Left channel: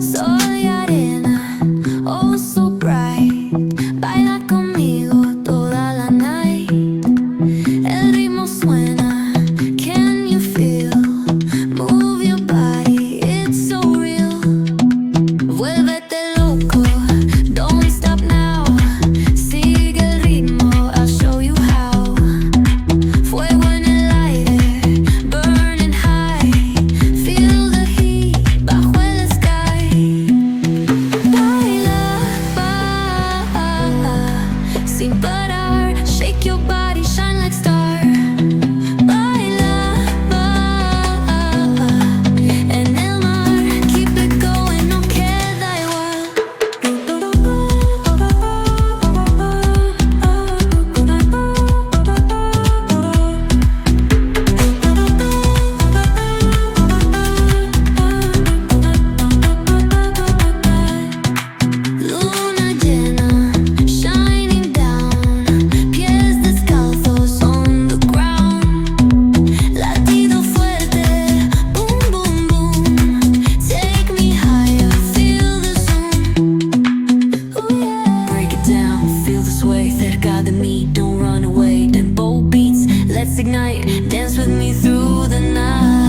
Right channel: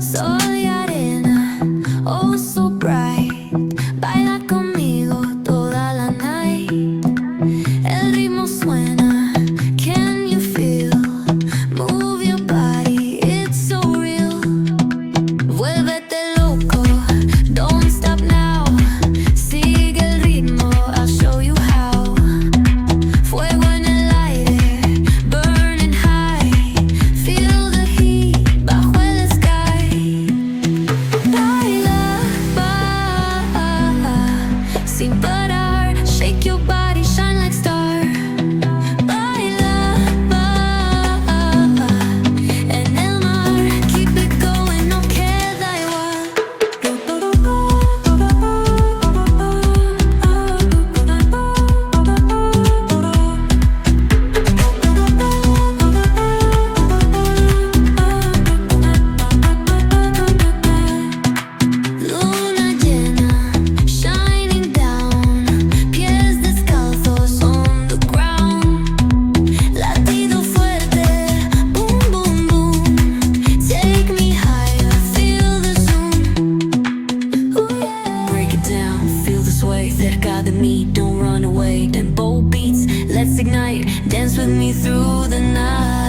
Soy arena, oh so bright. Baila conmigo toda la night. El ritmo suena, can you feel? Move your body, it's so real. Vuélvete loco, don't stop now. Sigue el ritmo, I'll show you how. Fuego en el aire, burning high. Feel the heat bajo el sky. Baila, sin parar. Shake your body, shine like star. Baila, en el mar. Keep it going, no queda igual. Luna llena, shining down. Pies descalzos on the ground. Latido fuerte, boom, boom, boom. Take me higher, feel the zoom. Ooh, yeah. Break it down, feel the sway. Cerca de mí, don't run away. Tempo beats, let's ignite. Dance with me through the night.